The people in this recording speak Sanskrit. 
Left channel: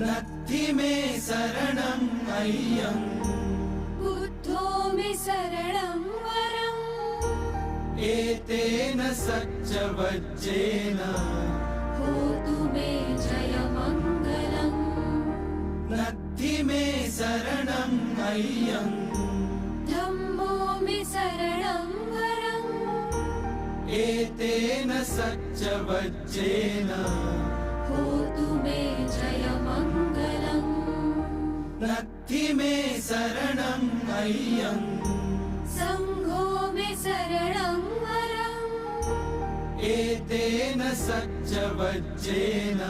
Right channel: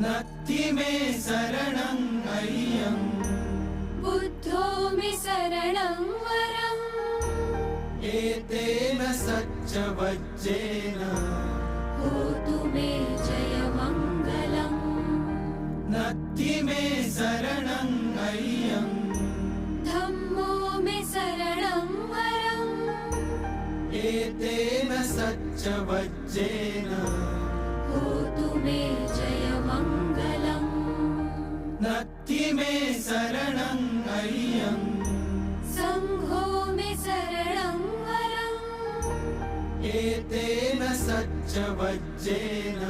नत्ति मे शरणम् अय्यम् बुद्धो मे शरणं वरम् एतेन सच्चवज्जेन होतु मे जयमङ्गलम् नत्ति मे शरणम् अय्यम् धम्मो मे शरणं वरम् एतेन सच्चवज्जेन होतु मे जयमङ्गलम् नत्ति मे शरणम् अय्यम् सङ्घो मे शरणं वरम् एतेन सच्चवज्जेन